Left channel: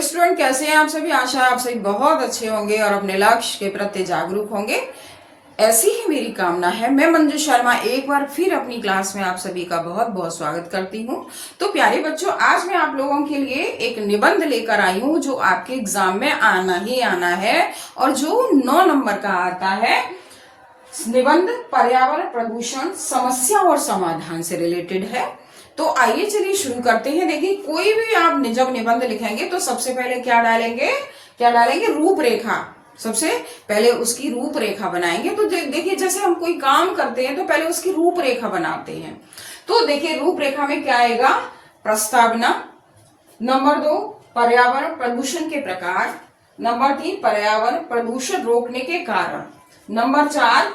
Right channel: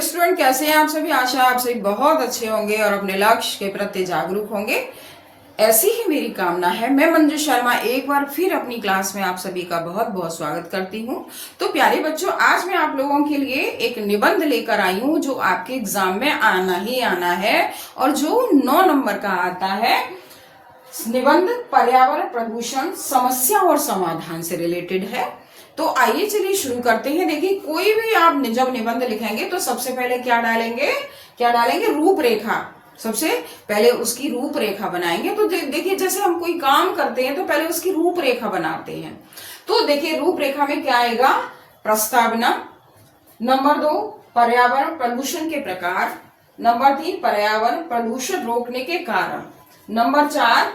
Hello student, कैसे हैं आप सभी। आशा है आप सभी बहुत अच्छे होंगे और अपने लक्ष्य के प्रति जागरूक होंगे। ऐसी ही मेरी कामना है। मैं मंजू शर्मा एक बार फिर अपनी क्लास में आप सभी का बहुत बहुत स्वागत करती हूं। तो प्यारे बच्चों, आज मैं आप लोगों के लिए एक निबंध लेकर आई हूं जो आपके एग्जाम में आना ही आना है और जो 9 नंबर का आता है। निबंध पर्यावरण प्रदूषण समस्या और समाधान से रिलेटेड है। तो आइए चलिए शुरू करते हैं। देखिए, कोई भी आप जब निबंध लिखेंगे तो सबसे पहले क्या डालेंगे रूपरेखा। सबसे पहले उसकी रूपरेखा बनाएंगे। तो देखिए, जैसे हम कोई काम करते हैं तो पहले उसकी रूपरेखा बनाते हैं। तो देखिए, रूपरेखा में क्या आएगा, प्रस्तावना। नंबर 2, पर्यावरण प्रदूषण के प्रकार। नंबर 3, पर्यावरण प्रदूषण रोकने के कारण। नंबर 4,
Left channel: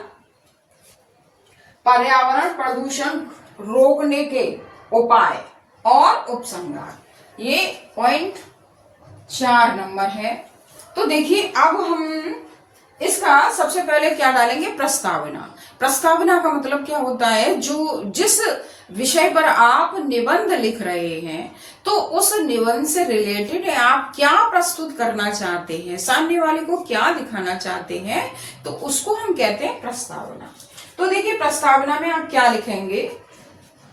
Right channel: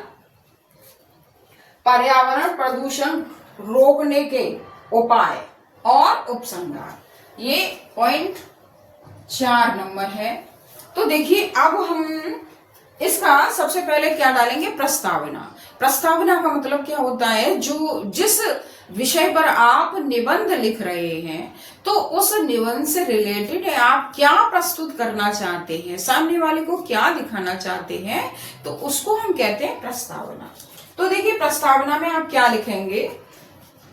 पर्यावरण प्रदूषण रोकने के उपाय और उपसंहार। ये पॉइंट 4 नंबर है। तो देखिए, अब हम इसका सबसे पहले क्या डालेंगे, प्रस्तावना। प्रस्तावना का मतलब क्या होता है, जो जिस विषय पर आप निबंध लिख रहे हैं तो उस निबंध से रिलेटेड आप क्या प्रस्तुत करना चाहते हैं, सामने वाले को क्या दिखाना चाहते हैं, तो उसको हम कहते हैं प्रस्तावना। तो देखिए, प्रस्तावना में आप क्या लिखेंगे,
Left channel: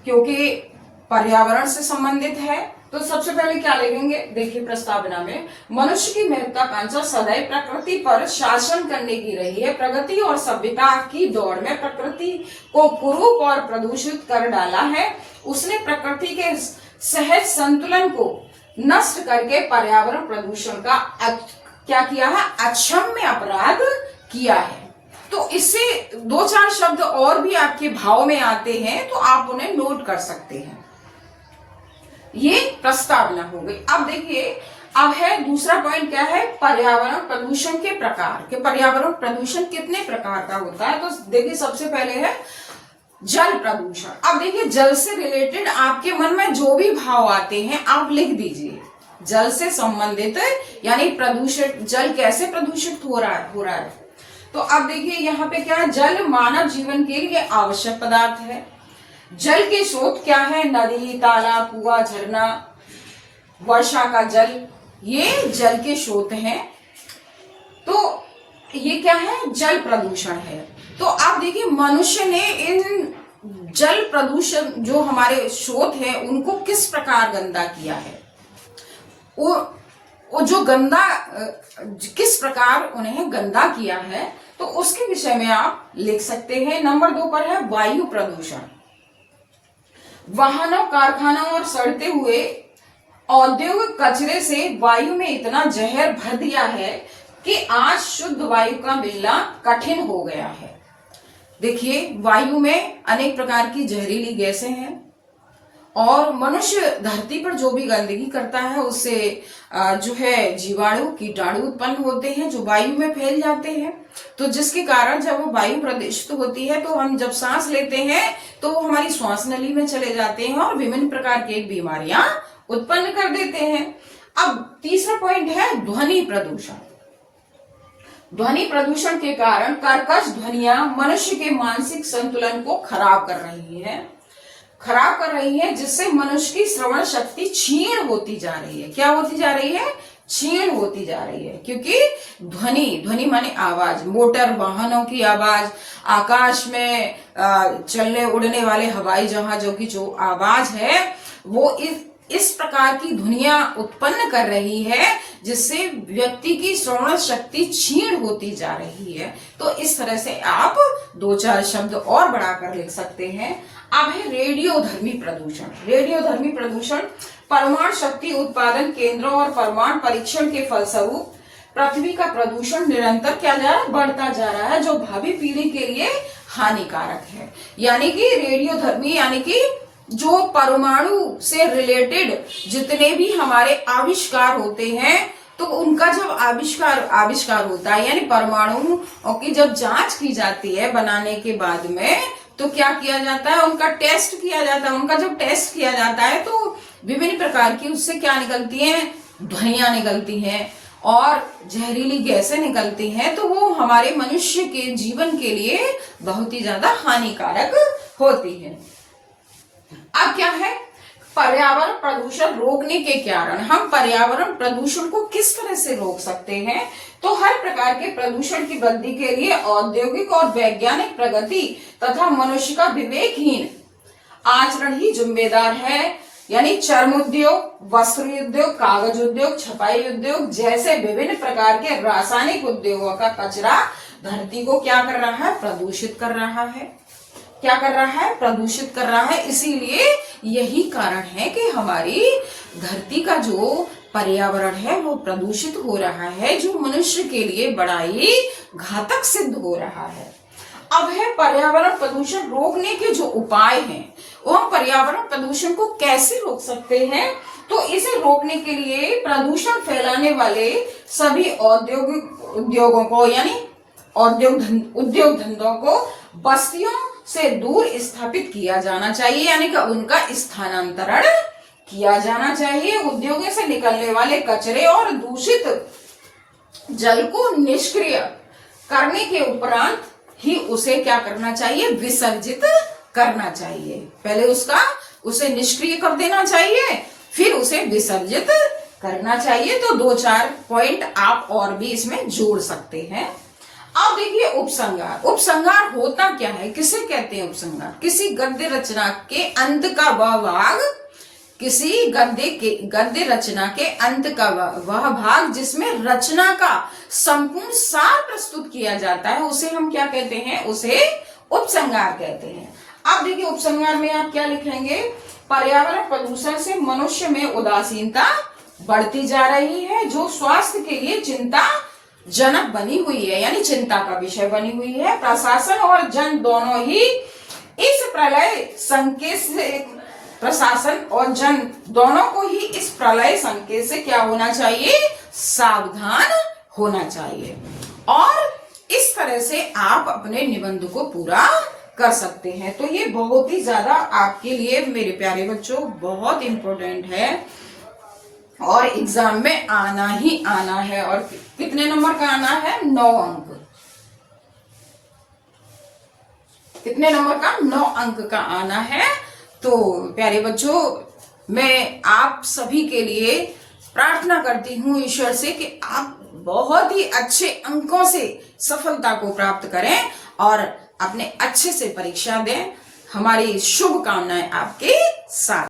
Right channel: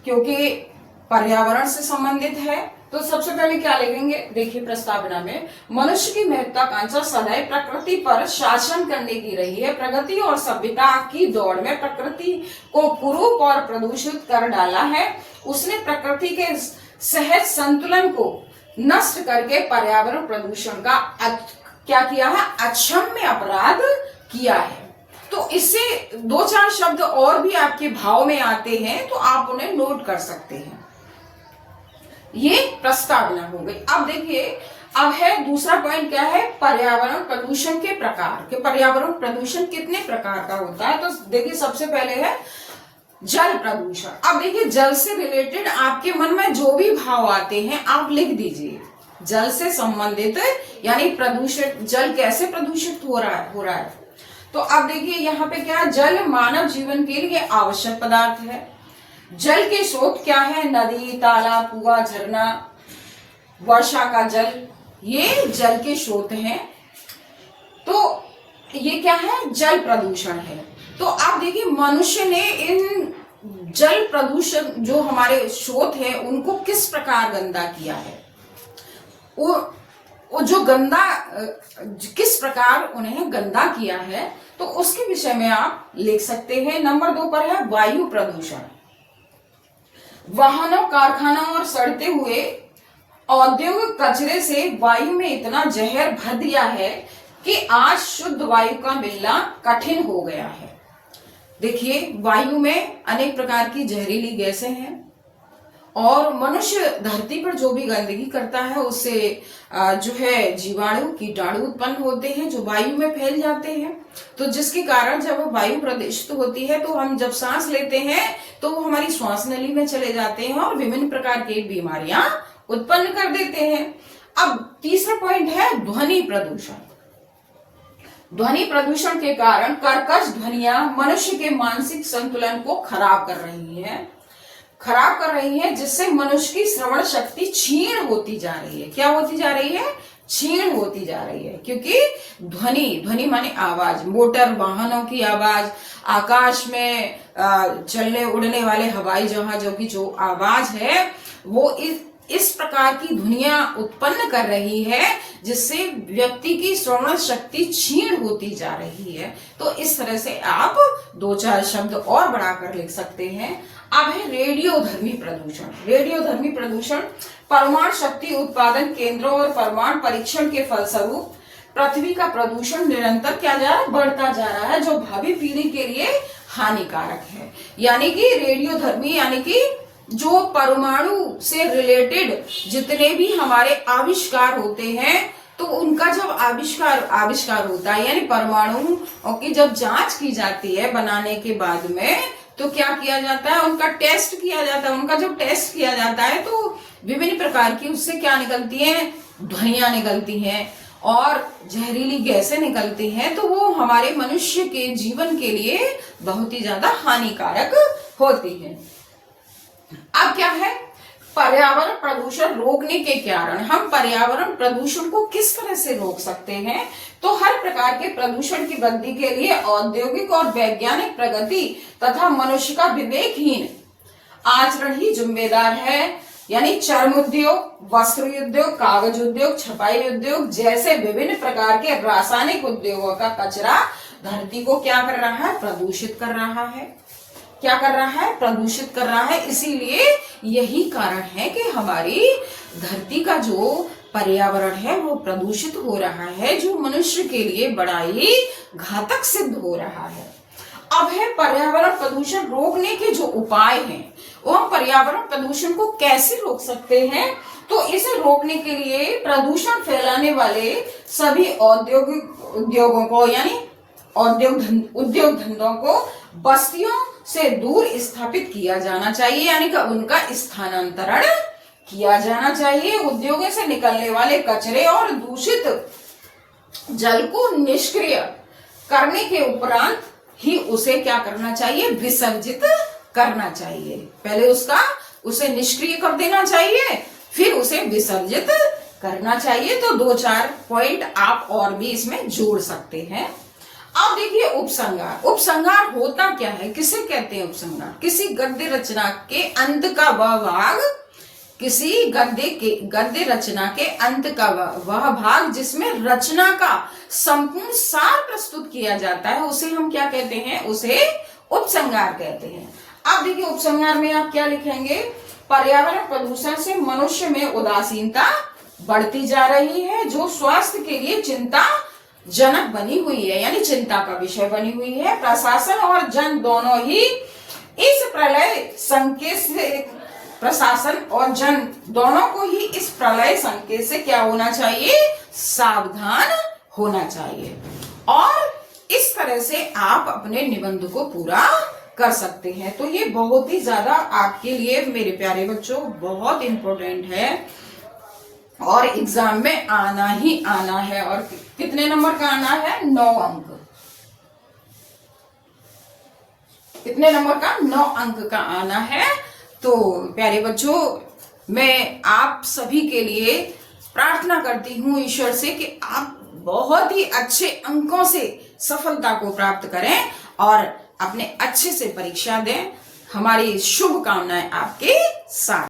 क्योंकि पर्यावरण से संबंधित है तो सबसे पहले क्या लिखेंगे। देखिए, प्रस्तावना में मनुष्य की महत्वाकांक्षा सदैव प्रकृति पर शासन करने की रही है। प्रगति और सभ्यता की दौड़ में प्रकृति को कुरूप और प्रदूषित कर डाला है। उसने प्रकृति के सहज संतुलन को नष्ट करके पर्यावरण प्रदूषण का क्या किया है, अक्षम्य अपराध किया है। तो इससे 2-4 शब्द और भी आपके भाव में आते हैं तो आप उन्हें नोट कर सकते हैं। ये प्रस्तावना हो गई। अब देखिए, अब है दूसरा पॉइंट, क्या है, पर्यावरण प्रदूषण के प्रकार। कि पर्यावरण प्रदूषण कितने प्रकार का होता है। तो देखिए, सबसे पहले है जल प्रदूषण। अब देखिए, जल से रिलेटेड आपके मन में जो भी भाव आते हैं आप लिख दीजिए। जल से संबंधित यानी प्रदूषित, जल कैसे प्रदूषित हो रहा है। तो अब देखिए, यहाँ पे क्या है, जल मानव जीवन के लिए आवश्यक पदार्थ है। जल के स्रोत क्या है, नदी, तालाब, कुआं, झरना, वर्षा का जल, ये जल के स्रोत हैं। तो ये क्या है, जल प्रदूषण है। तो आप देखिए, मनुष्य ने इन जल प्रदूषण जो हमारे स्रोत हैं उनको किस प्रकार गंदा किया है, वो जो गंदा किस प्रकार उन्हें गंदा किया है, तो उसके विषय में आप लिख सकते हैं। नंबर 2 पर है वायु प्रदूषण। वाहनों, कारखानों और सड़ते हुए औद्योगिक कचरे से वायु में इतना जहर भर दिया है कि आज शुद्ध वायु का मिलना कठिन हो गया है। देखिए, वायु में अनेक प्रकार की जहरीली गैसें हैं और मनुष्य धरती पर जो भी गंदगी करता है उससे जो है जीवाणु, कीटाणु उत्पन्न होते हैं जो वायु में फैल जाते हैं। तो जिसके कारण जब वायु प्रदूषित होती है तो हम जब सांस लेते हैं तो वो हमारी श्वास नली में चले जाते हैं और विभिन्न प्रकार की बीमारियां उत्पन्न कर देते हैं। अब तीसरा पॉइंट है ध्वनि प्रदूषण। ध्वनि प्रदूषण के कारण कर्कश ध्वनियां मनुष्य के मानसिक संतुलन को खराब कर रही है, जिससे मनुष्य की श्रवण शक्ति क्षीण होती जा रही है। क्या होती जा रही है, क्षीण होती जा रही है। क्योंकि ध्वनि माने आवाज, मोटर वाहनों की आवाज, आकाश में चलने उड़ने वाले हवाई जहाजों की जो आवाज है वो इस प्रकार की ध्वनियां उत्पन्न कर रही है जिससे व्यक्ति की श्रवण शक्ति क्षीण होती जा रही है। तो इस तरह से आप 2-4 शब्द और बढ़ाकर लिख सकते हैं। अब है रेडियोधर्मी प्रदूषण। रेडियोधर्मी प्रदूषण परमाणु शक्ति उत्पादन केंद्रों और परमाणु परीक्षण के फलस्वरूप पृथ्वी का प्रदूषण निरंतर क्या जा रहा है, बढ़ता जा रहा है, जो भावी पीढ़ी के लिए हानिकारक है। यानी कि रेडियोधर्मी यानी कि जो परमाणु से रिलेटेड जितने भी हमारे आविष्कार होते हैं तो उनका जब आविष्कार होता है यानी परमाणु की जब जांच की जाती है बनाने के बाद में, तो क्या किया जाता है, उनका टेस्ट किया जाता है। उनका जब टेस्ट किया जाता है तो विभिन्न प्रकार की उससे क्या निकलती है, ध्वनियां निकलती हैं और जहरीली गैसें निकलती हैं। तो वो हमारे मनुष्य के जीवन के लिए बहुत ही ज्यादा हानिकारक होती है। अब क्या है, पर्यावरण प्रदूषण रोकने के कारण हम पर्यावरण प्रदूषण को किस तरह से रोक सकते हैं। तो हर प्रकार के प्रदूषण की वृद्धि के लिए औद्योगिक और वैज्ञानिक प्रगति तथा मनुष्य का विवेकहीन आचरण ही जिम्मेदार है। यानी चर्म उद्योग, वस्त्र उद्योग, कागज उद्योग, छपाई उद्योग जैसे विभिन्न प्रकार के रासायनिक उद्योगों का कचरा धरती को क्या कर रहा है, प्रदूषित कर रहा है। क्या कर रहा है, प्रदूषित कर रहा है। इसीलिए यही कारण है कि हमारी धरती का जो पर्यावरण है वो प्रदूषित हो रहा है, जो मनुष्य के लिए बड़ा ही घातक सिद्ध हो रहा है। अब है पर्यावरण प्रदूषण रोकने के जो उपाय हैं, वो हम पर्यावरण प्रदूषण को कैसे रोक सकते हैं। तो इसे रोकने के लिए प्रदूषण फैलाने वाले सभी औद्योगिक उद्योगों को यानी उद्योग धंधों को बस्तियों से दूर स्थापित किया जाना चाहिए, यानी कि उनका स्थानांतरण किया जाना चाहिए। उद्योगों से निकलने वाले कचरे और दूषित जल को निष्क्रिय करने के उपरांत ही उसे क्या करना चाहिए, विसर्जित करना चाहिए। पहले उसे निष्क्रिय कर देना चाहिए, फिर उसे विसर्जित करना चाहिए। तो 2-4 पॉइंट आप और भी इसमें जोड़ सकते हैं। अब देखिए उपसंहार। उपसंहार होता क्या है, किसे कहते हैं उपसंहार? किसी गद्य रचना के अंत का वह भाग, किसी गद्य रचना के अंत का वह भाग जिसमें रचना का संपूर्ण सार प्रस्तुत किया जाता है, उसे हम क्या कहते हैं, उसे उपसंहार कहते हैं। अब देखिए उपसंहार में आप क्या लिखेंगे, पर्यावरण प्रदूषण से मनुष्य में उदासीनता बढ़ती जा रही है, जो स्वास्थ्य के लिए चिंता जनक बनी हुई है, यानी चिंता का विषय बनी हुई है। प्रशासन और जन दोनों ही इस प्रलय संकेत से, प्रशासन और जन दोनों को ही इस प्रलय संकेत से क्या होना चाहिए, सावधान होना चाहिए। और इस तरह से आप अपने निबंध को पूरा कर सकते हैं। तो ये बहुत ही ज्यादा आपके लिए मेरे प्यारे बच्चों बहुत इंपॉर्टेंट है और एग्जाम में आना ही आना है। और कितने नंबर का आना है, 9 अंक। कितने नंबर का, 9 अंक का आना है। तो प्यारे बच्चों, मैं आप सभी के लिए प्रार्थना करती हूँ ईश्वर से कि आप बहुत ही अच्छे अंकों से सफलता को प्राप्त करें और अपने अच्छे से परीक्षा दें। हमारी शुभकामनाएं आपके साथ।